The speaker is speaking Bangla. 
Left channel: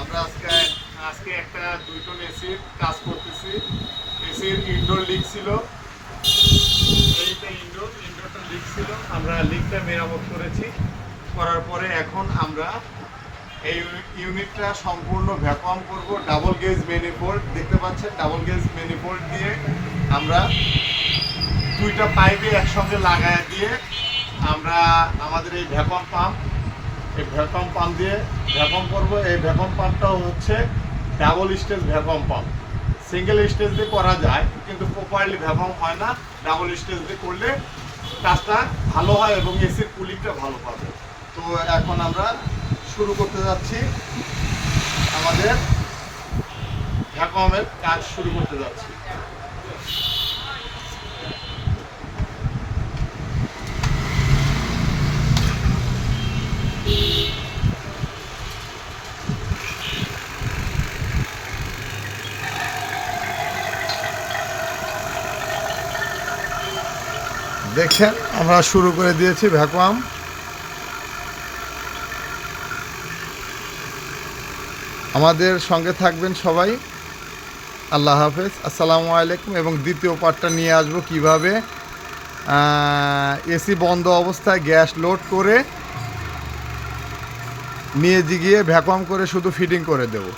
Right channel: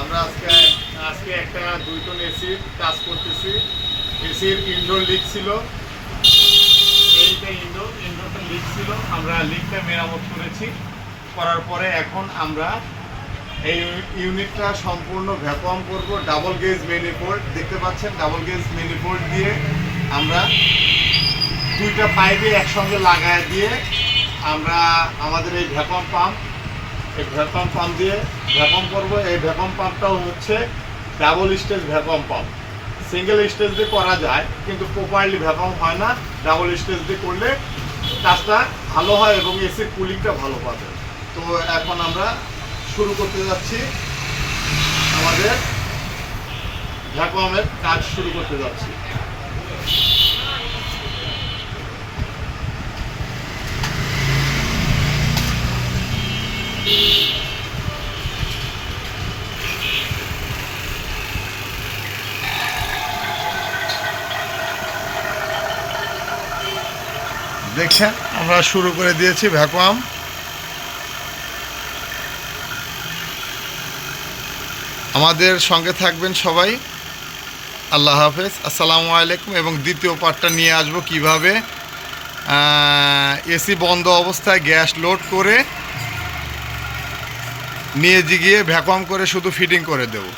আমরা আজকে একটা 2 টন এসির কাজ করতেছি। এসির ইনডোর লিক ছিল, এইটা ইনডোরটা লিক ছিল। আমরা লিকটা মেরামত করার পরে এখন আমরা এই ইউনিটটা সম্পূর্ণ ভ্যাকুয়াম করব। ডাবল গেজ ম্যানিফোল্ড দেখতে পাচ্ছেন, ডাবল গেজ ম্যানিফোল্ড দিয়ে আমরা 2টা পাইপে একসঙ্গে লাগায় দিয়ে আমরা আমাদের এই ভ্যাকুয়াম পাম্প দিয়ে ভ্যাকুয়াম করব। এই ভ্যাকুয়াম পাম্পটাও হচ্ছে double stage vacuum pump. Single stage দিয়ে করা যায় কিন্তু প্রপারলি ভ্যাকুয়াম হয় না। ডাবল স্টেজ দিয়ে করলে কাজটা ভালো হয় এবং এসির কুলিংটা ভালো পাবে। তো এখন আমরা শুরু করতে যাচ্ছি, আমাদের ভ্যাকুয়ামের কাজ শুরু করতে যাচ্ছি। দেখেন আমরা শুরু করে দিয়েছি ভ্যাকুয়াম। আমাদের সঙ্গে থাকবেন সবাই। আল্লাহ হাফেজ, আসসালামু আলাইকুম। এবং দ্বিতীয় পার্টটা নিয়ে আসবো কিভাবে এসি বন্ধ অবস্থায় গ্যাস লোড করে নিয়ে গিয়ে ভ্যাকুয়াম করে শুধু ফিটিং করে দেবো।